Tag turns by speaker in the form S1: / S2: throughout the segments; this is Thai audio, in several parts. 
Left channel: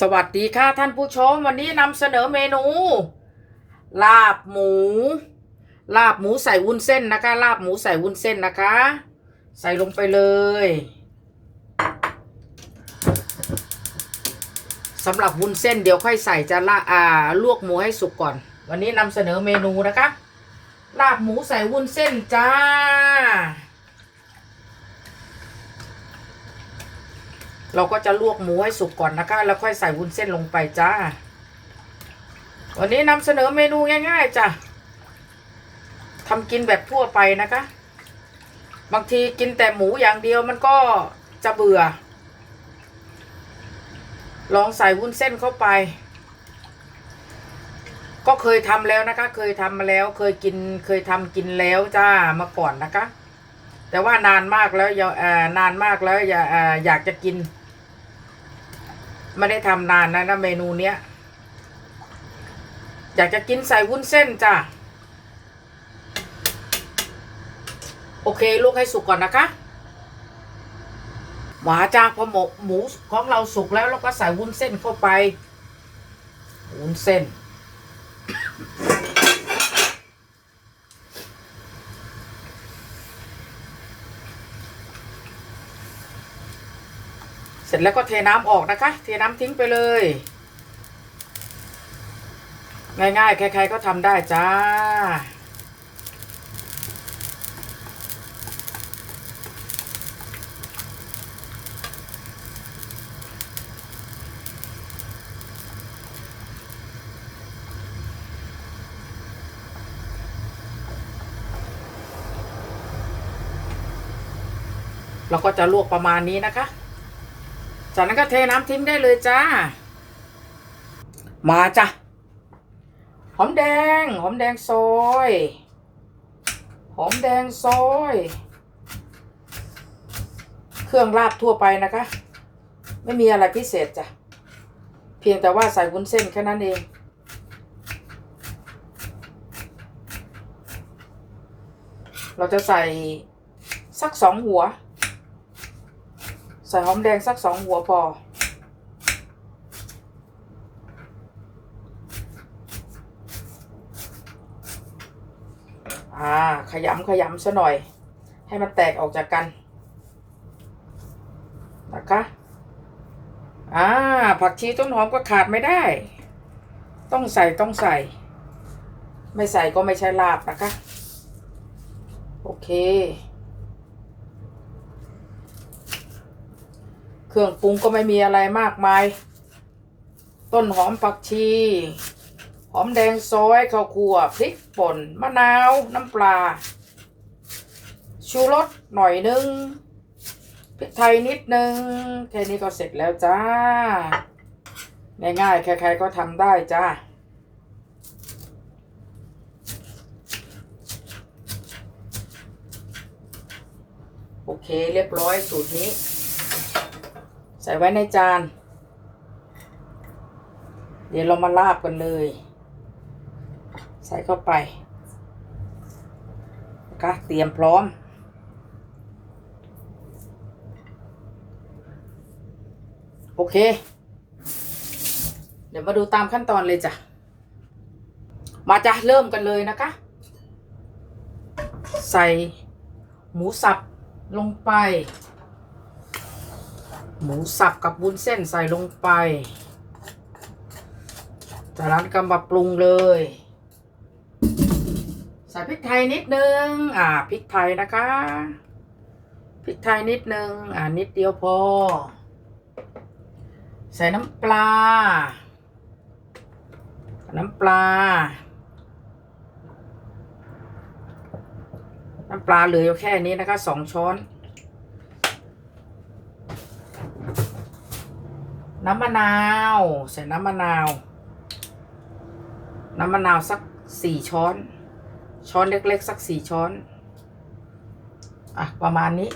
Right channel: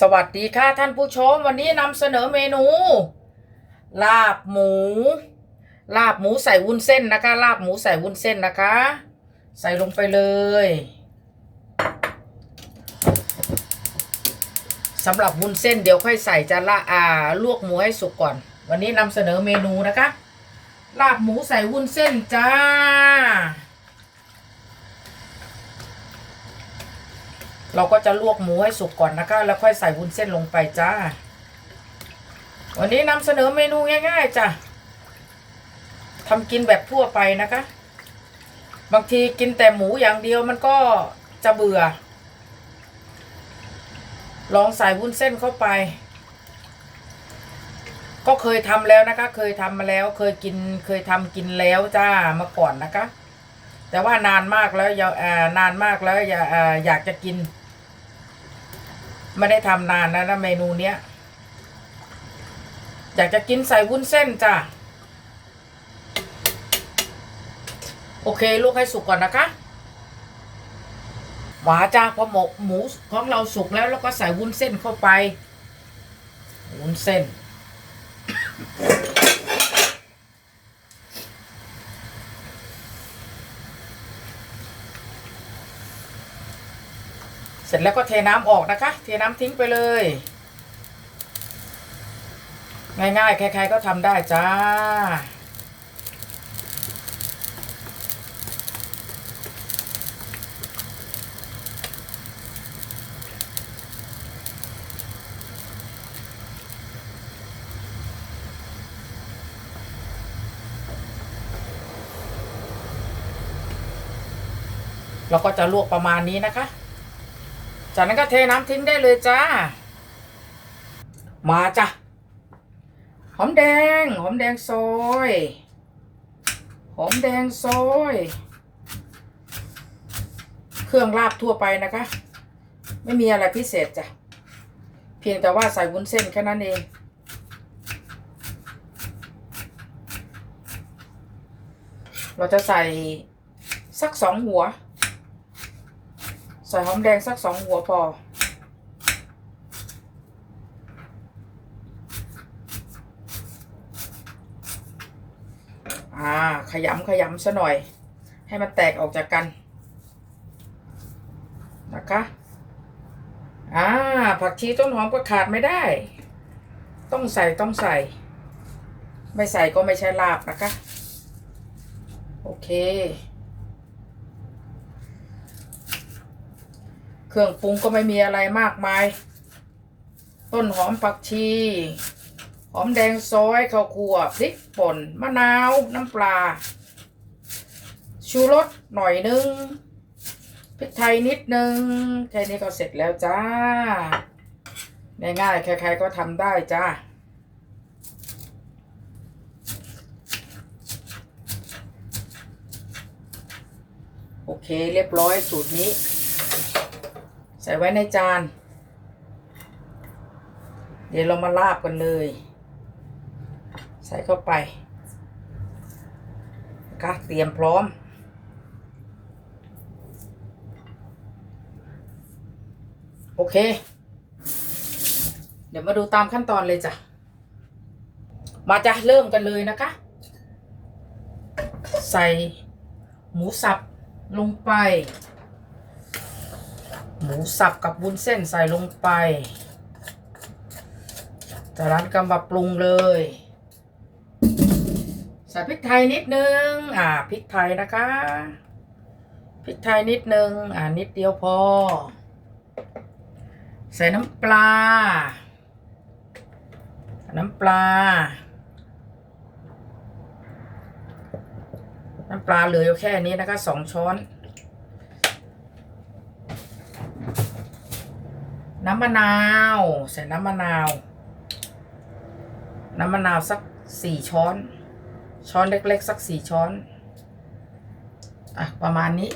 S1: สวัสดีค่ะท่านผู้ชม วันนี้นำเสนอเมนู ลาบหมู ลาบหมูใส่วุ้นเส้นนะคะ ลาบหมูใส่วุ้นเส้นนะคะ ใส่ลงไปเลยสำหรับวุ้นเส้นเดี๋ยวค่อยใส่จะละอ่าลวกหมูให้สุกก่อน วันนี้นำเสนอเมนูนะคะ ลาบหมูใส่วุ้นเส้นจ้า เราก็จะลวกหมูให้สุกก่อนนะคะ แล้วค่อยใส่วุ้นเส้นลงไปจ้า วันนี้นำเสนอเมนูง่าย ๆจ้ะทำกินแบบทั่วไปนะคะ บางทีกินแต่หมูอย่างเดียวมันก็จะเบื่อ ลองใส่วุ้นเส้นเข้าไป ก็เคยทำแล้วนะคะ เคยทำมาแล้ว เคยกิน เคยทำกินแล้วจ้ามาก่อนนะคะแต่ว่านานมากแล้วอย่าอ่านานมากแล้วอย่าอยากจะกิน ไม่ได้ทำนานนะนะเมนูเนี้ย อยากจะกินใส่วุ้นเส้นจ้ะ โอเคลูกให้สุกก่อนนะคะ หวาจ้าพอหมูหมูของเราสุกแล้วเราก็ใส่วุ้นเส้นเข้าไป วุ้นเส้น จแล้วก็เทน้ำออกนะคะ เทน้ำทิ้งไปเลย ง่ายๆ ใครๆก็ทำได้จ้า เราก็จะลวกประมาณนี้นะคะ จากนั้นก็เทน้ำทิ้งได้เลยจ้า มาจ้ะ หอมแดง หอมแดงซอย หอมแดงซอย เครื่องลาบทั่วไปนะคะ ไม่มีอะไรพิเศษจ้ะ เพียงแต่ว่าใส่วุ้นเส้นแค่นั้นเองเราจะใส่สักสองหัว ใส่หอมแดงสักสองหัวพอ อ่า ขยำขยำซะหน่อย ให้มันแตกออกจากกัน นะคะ อ่า ผักชีต้นหอมก็ขาดไม่ได้ ต้องใส่ต้องใส่ ไม่ใส่ก็ไม่ใช่ลาบนะคะ โอเค เครื่องปรุงก็ไม่มีอะไรมากมาย ต้นหอมผักชี หอมแดงซอยข้าวคั่วพริกป่น มะนาว น้ำปลา ชูรสหน่อยนึงพริกไทยนิดนึงแค่นี้ก็เสร็จแล้วจ้า ง่ายๆใครๆก็ทำได้จ้าโอเคเรียบร้อยสูตรนี้ ใส่ไว้ในจาน เดี๋ยวเรามาลาบกันเลย ใส่เข้าไปนะคะเตรียมพร้อม โอเค เดี๋ยวมาดูตามขั้นตอนเลยจ้ะ มาจ้ะเริ่มกันเลยนะคะ ใส่หมูสับลงไป หมูสับกับวุ้นเส้นใส่ลงไป จากนั้นก็มาปรุงเลย ใส่พริกไทยนิดนึง อ่าพริกไทยนะคะ พริกไทยนิดนึง อ่านิดเดียวพอ ใส่น้ำปลา น้ำปลา น้ำปลาเหลืออยู่แค่นี้นะคะสองช้อน น้ำมะนาว ใส่น้ำมะนาว น้ำมะนาวสักสี่ช้อน ช้อนเล็ก ๆ สักสี่ช้อน อะ ประมาณนี้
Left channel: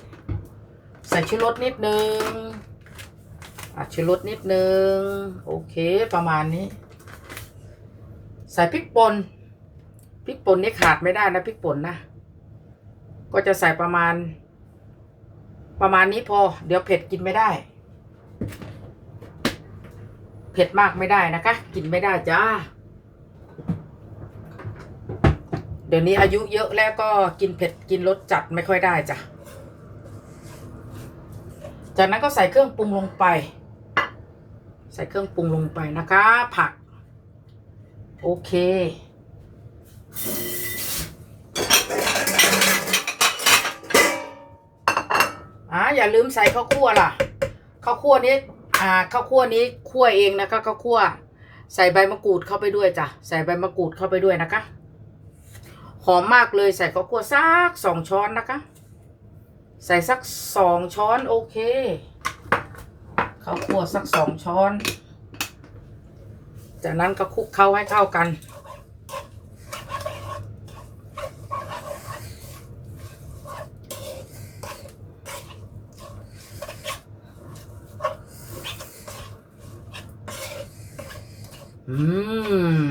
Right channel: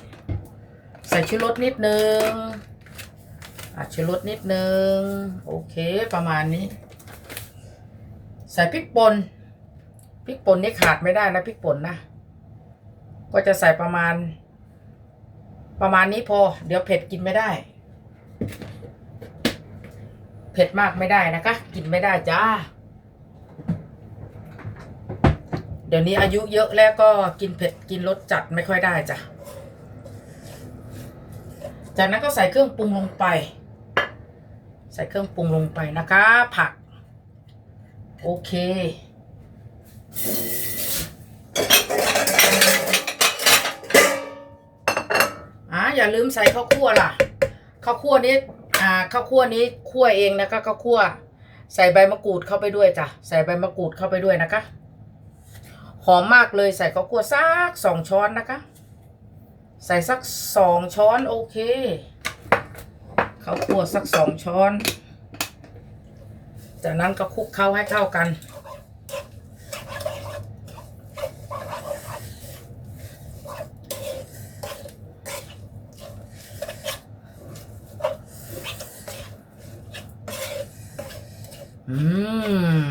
S1: ใส่ชูรสนิดนึงอะชูรสนิดนึง โอเคประมาณนี้ ใส่พริกป่นพริกป่นนี่ขาดไม่ได้นะพริกป่นนะก็จะใส่ประมาณ ประมาณนี้พอ เดี๋ยวเผ็ดกินไม่ได้ เผ็ดมากไม่ได้นะคะ กินไม่ได้จ้า เดี๋ยวนี้อายุเยอะแล้วก็กินเผ็ดกินรสจัดไม่ค่อยได้จ้ะ จากนั้นก็ใส่เครื่องปรุงลงไป ใส่เครื่องปรุงลงไปนะคะ ผัก โอเคอ่าอย่าลืมใส่ข้าวคั่วล่ะข้าวคั่วนี้ อ่าข้าวคั่วนี้คั่วเองนะคะข้าวคั่ว ใส่ใบมะกรูดเข้าไปด้วยจ้ะใส่ใบมะกรูดเข้าไปด้วยนะคะหอมมากเลยใส่ข้าวคั่วสักสองช้อนนะคะ ใส่สักสองช้อนโอเคข้าวคั่วสักสองช้อน จากนั้นก็คลุกเข้าให้เข้ากัน อื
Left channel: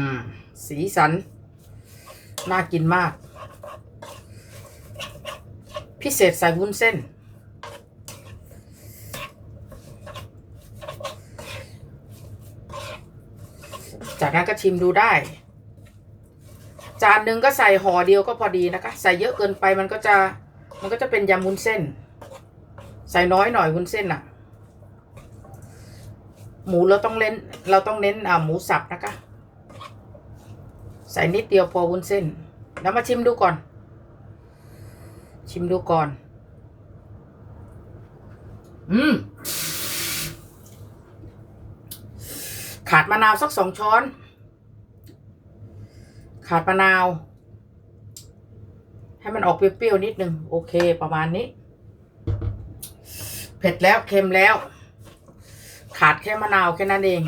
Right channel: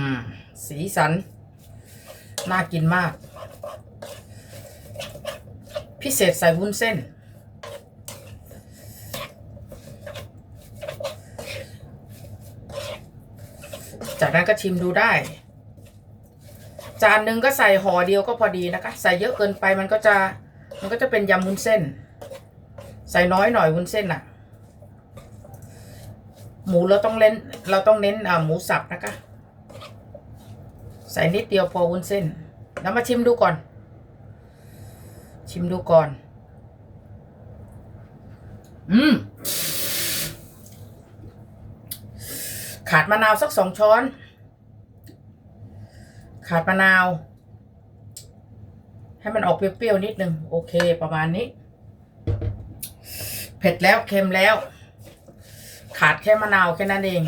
S1: ม สีสัน น่ากินมาก พิเศษใส่วุ้นเส้น จากนั้นก็ชิมดูได้ จานหนึ่งก็ใส่ห่อเดียวก็พอดีนะคะ ใส่เยอะเกินไปมันก็จะ มันก็จะเป็นยำวุ้นเส้น ใส่น้อยหน่อยวุ้นเส้นน่ะ หมูเราต้องเล่น เราต้องเน้นหมูสับนะคะ ใส่นิดเดียวพอวุ้นเส้น แล้วมาชิมดูก่อน ชิมดูก่อน อืม ขาดมะนาวสักสองช้อน ขาดมะนาว ให้มันออกเปรี้ยวๆนิดนึง โอเคประมาณนี้ เผ็ดแล้วเค็มแล้ว ขาดแค่มะนาวแค่นั้นเอง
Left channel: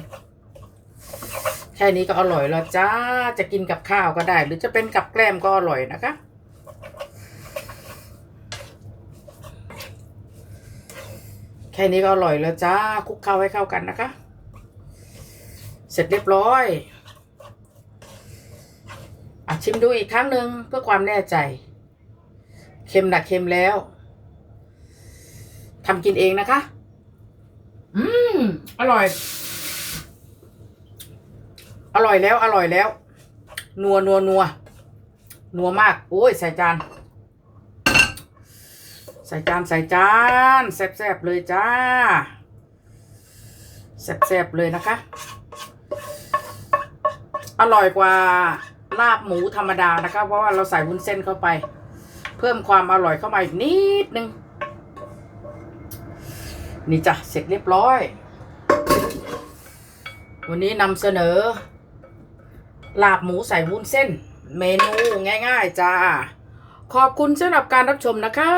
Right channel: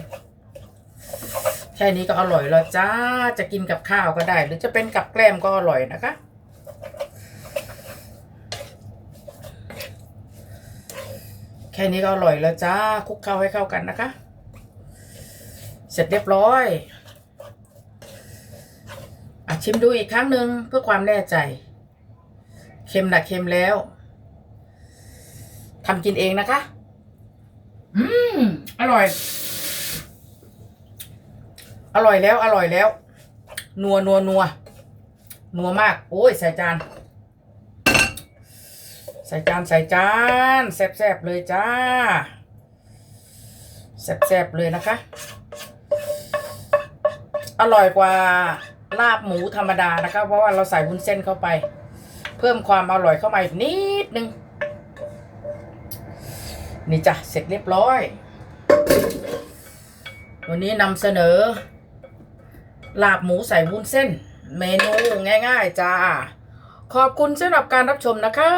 S1: แค่นี้ก็อร่อยแล้วจ้า จะกินกับข้าวก็ได้ หรือจะเป็นกับแกล้มก็อร่อยนะคะ แค่นี้ก็อร่อยแล้วจ้าคลุกเข้าให้เข้ากันนะคะ เสร็จเรียบร้อยอชิมดูอีกครั้งหนึ่งเพื่อความแน่ใจ เค็มนะเค็มแล้วทำกินเองนะคะ อืม อร่อย อร่อยแล้ว อร่อยแล้ว นัวนัวนัวนัวมาก โอ้ย ใส่จาน ใส่จาน ใส่จาน แซ่บๆเลยจ้า แซ่บๆเลยนะคะ อร่อยกว่าลาบหมูธรรมดานะคะ เพราะว่าเราใส่วุ้นเส้นเข้าไป เพิ่มความอร่อยเข้ามาอีกนิดนึง นี่จ้ะ เสร็จเรียบร้อย วันนี้นำเสนอ ลาบหมูใส่วุ้นเส้น เมนูง่าย ๆ จ้า ขอบคุณสำหรับการรับชมนะคะ